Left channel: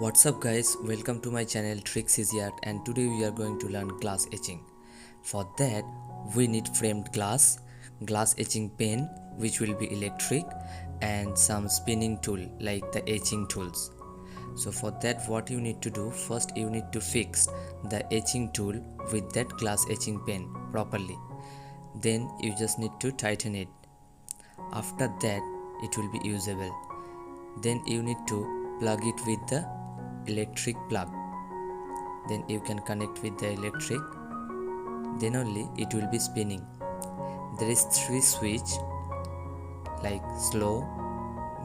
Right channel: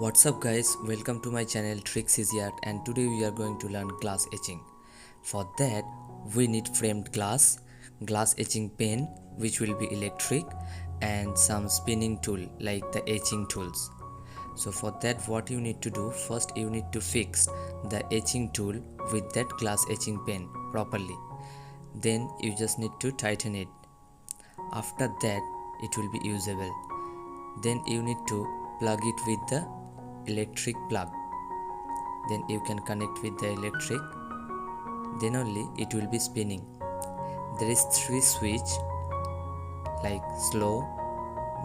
What's up guys, welcome to my channel Tricks Easy Art, and today we are going to learn glass etching. For that we need framed glass etching pen which will be electric, and some spinning tool like the etching tools. So for that what you need to do, first you need to fix the etching tool with that glass etching pen properly. Then you just need to tighten it. After that it will be usable. Then you need to plug it with the electric plug. Then you can connect with the electric, then only it will be spinning. There is 3 switch like slow,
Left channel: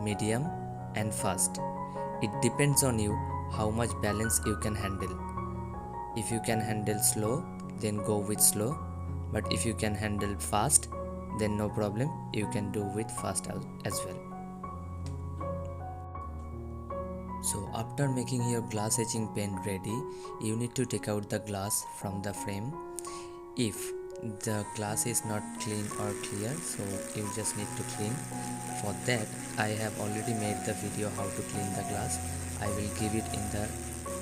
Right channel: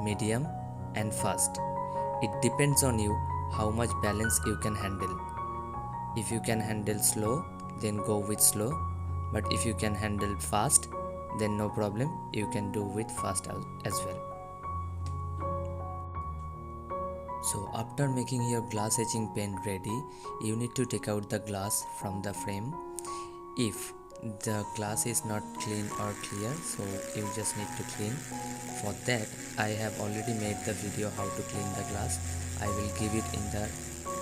medium and fast. It depends on you how much balance you can handle. If you can handle slow, then go with slow, but if you can handle fast, then no problem, you can do with fast as well. So after making your glass etching pen ready, you need to take out the glass from the frame. If the glass is not clean or clear, so you just need to clean. For that I have already made the video how to clean the glass. I will give it in the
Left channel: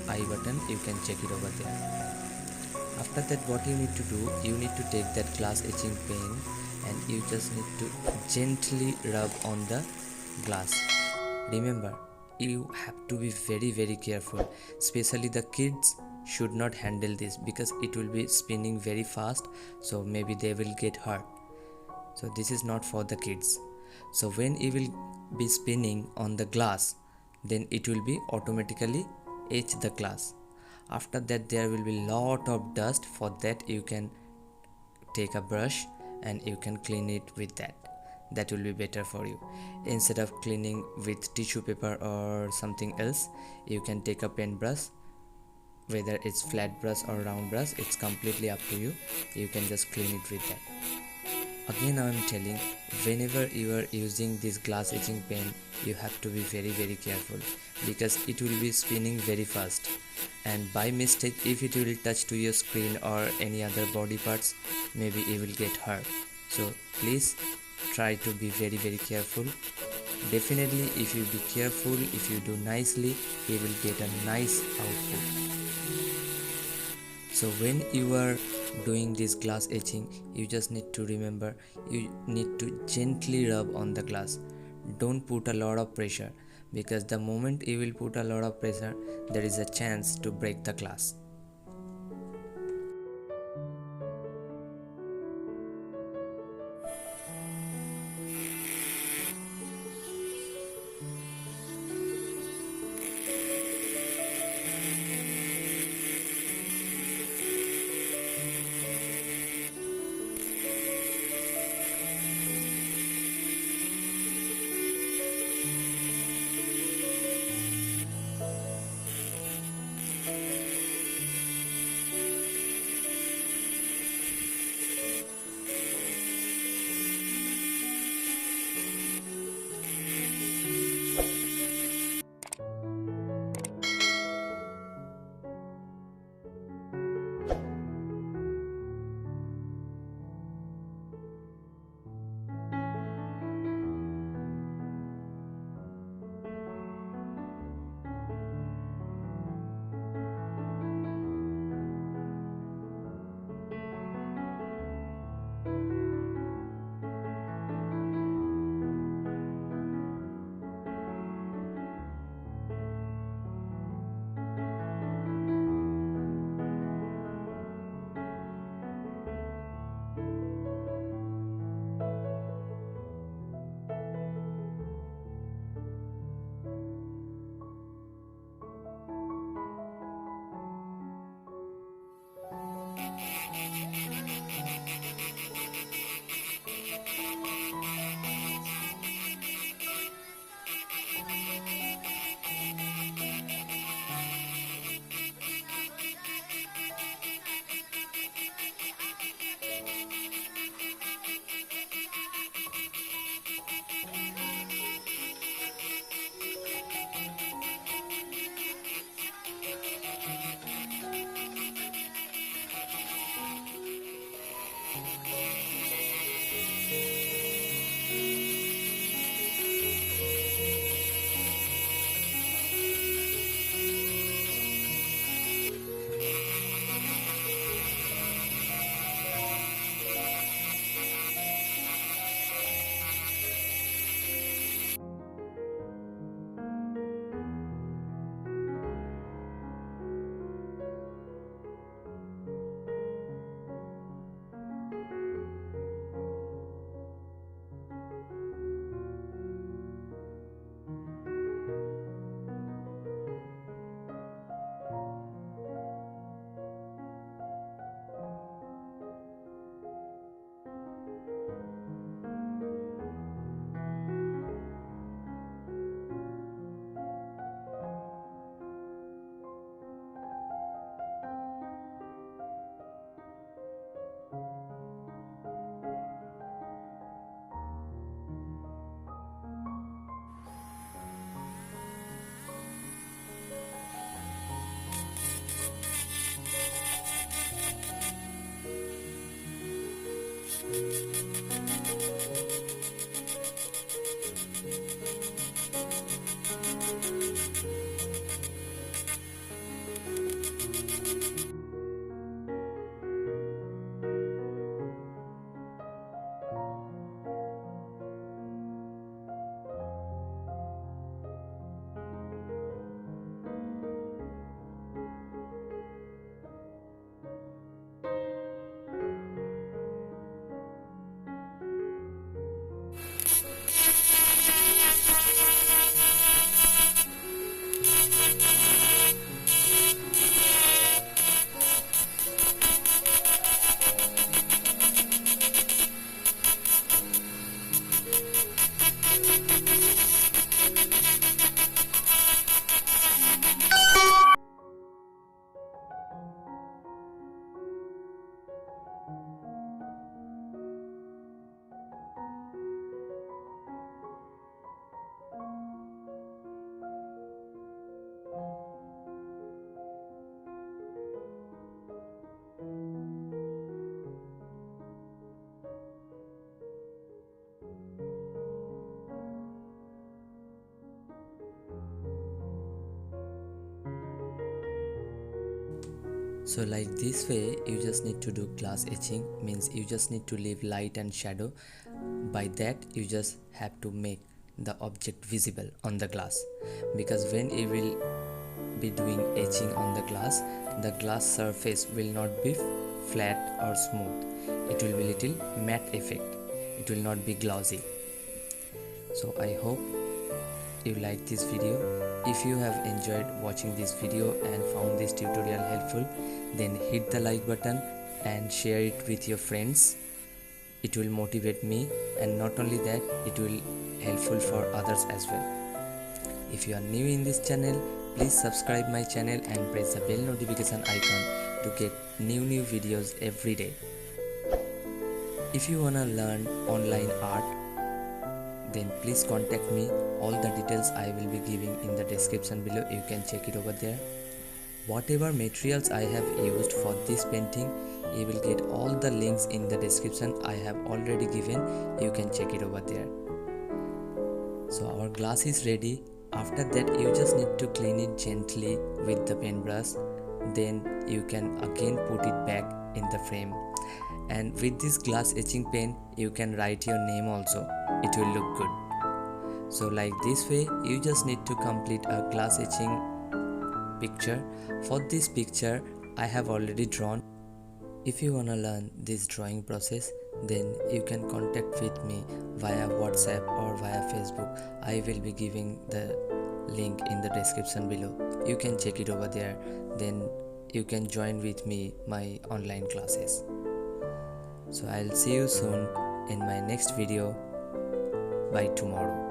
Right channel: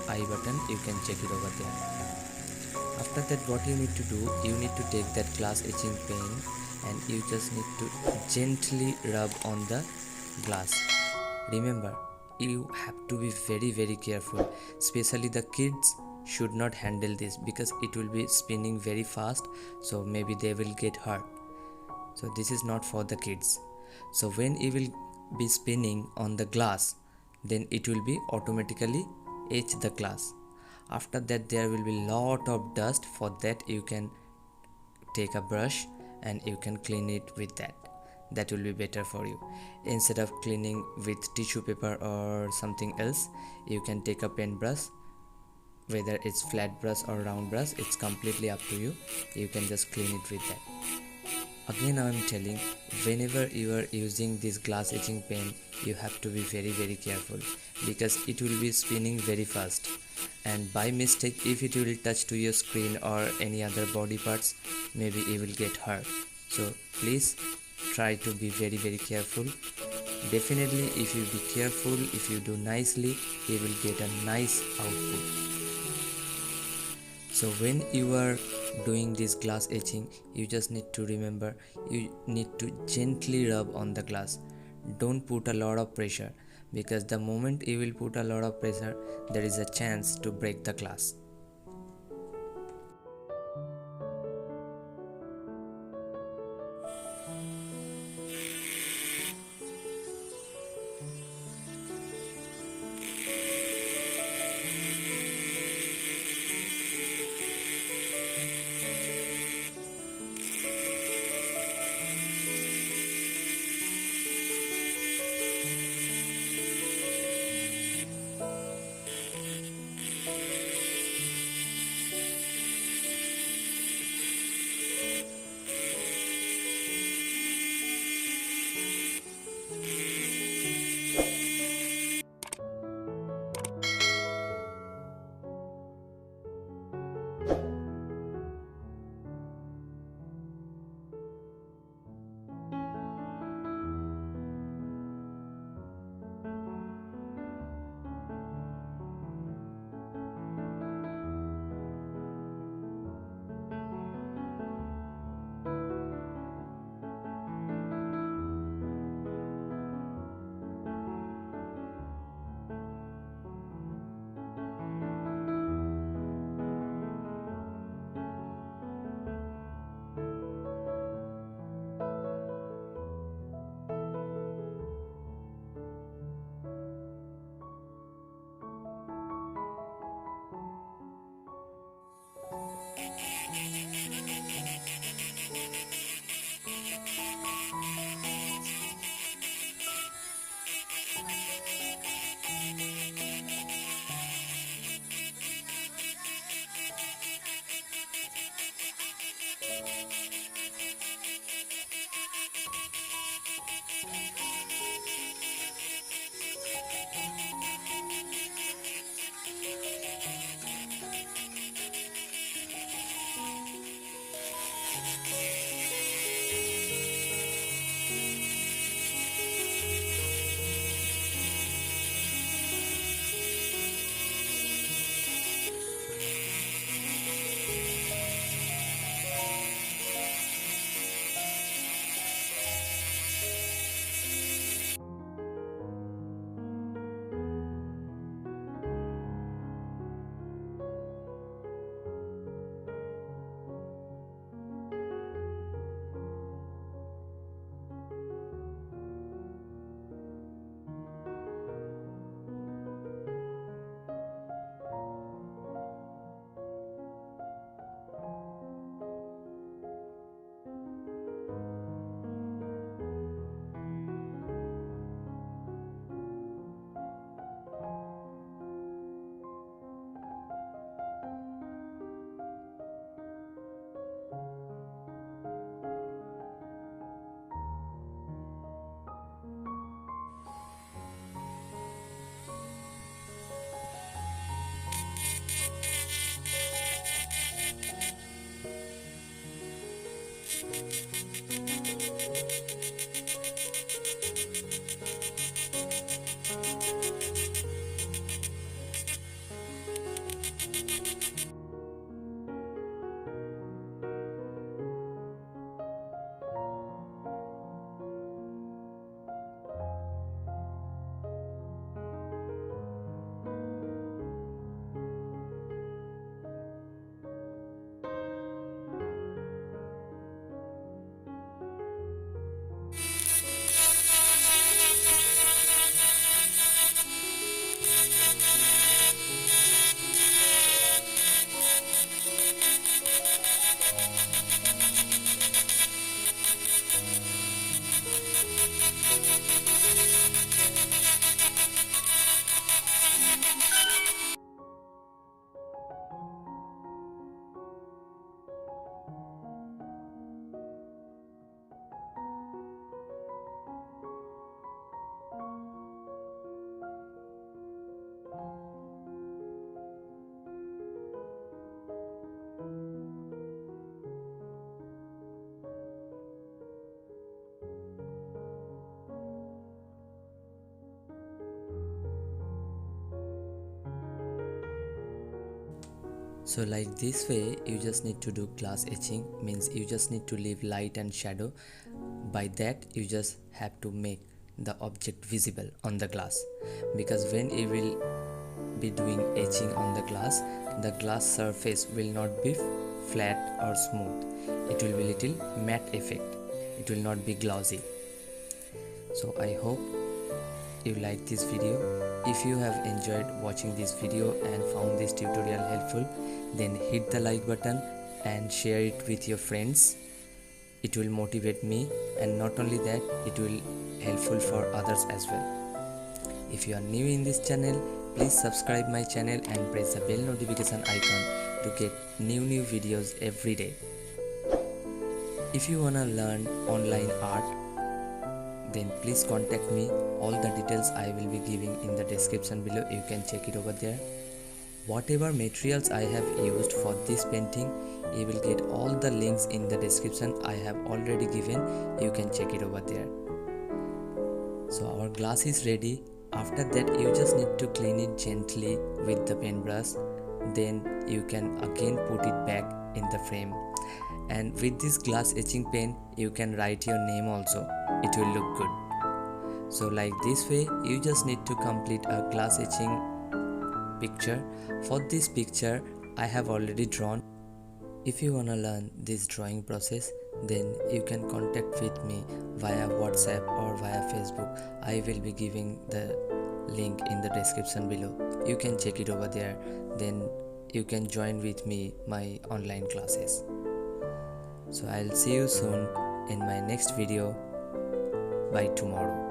I button, you can check it over there. After that what you need to do, you need to take that glass etching pen and you just need to gently rub on the glass. Remember, you have to be very careful, especially the kids should not handle this because it will be spinning very fast, so maybe they will get hurt. So this is not for the kids. So when you will be spinning on the glass, then it will be automatically etch the glass. After that there will be lot of dust. For that you can take a brush and you can clean it with that will be better for you. Instead of cleaning with tissue paper or something else, you can take a pen brush, whether it's flat brush or round brush, it's completely up to you. You can just clean it with that. Again I am telling, whenever you are using this glass etching pen, you have to be very careful because it will be spinning very fast, and by mistake if it will touch to your screen or any other body parts, maybe you will get hurt. So please try to be very careful. Definitely if you be careful, if you do nicely, you will get a nice output. So when you are doing this glass etching, you just need to remember, you need to gently rub on the glass. Don't put a lot of pressure, because the moment you will put a lot of pressure, there is a chance to break the glass. So like this way you just need to do glass etching, means you just need to leave light and shadow. By that you just have to make the object visible on the glass, because when you will be doing etching on the glass surface will not be flat or smooth. It will be little matte effect. It will not be glossy. So I hope you like this video. If you have enjoyed watching this video and found this tutorial helpful, then hit the like button and share it with your friends. It will motivate me, and not only that, it will helpful for others as well. If you are new in this channel, please subscribe my channel and press the bell notification icon to get new videos every day. If you wanna learn online art, then please contact me. All the details I will be giving in the description below. You can check it over there. Whatever materials I have used for this painting, you will get all the links in the description. I have already given. You can check it over there. So our glass is ready. After that you just need to clean it gently with the paintbrush. Then you can again put it back in the frame. And with this glass etching pen you can write your name also. It will look good. So like this way you just need to complete a glass etching picture. For this picture I have already drawn. If you wanna learn this drawing process, then you can contact with me via WhatsApp or via Facebook. I will be giving the link in the description below. You can check it over there. Then you can join with me my online classes. So I'll see you soon in my next video by tomorrow.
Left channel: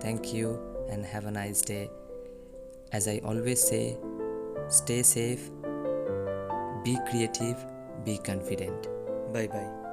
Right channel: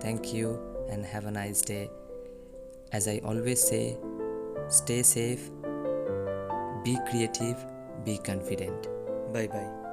Thank you and have a nice day. As I always say, stay safe, be creative, be confident. Bye bye.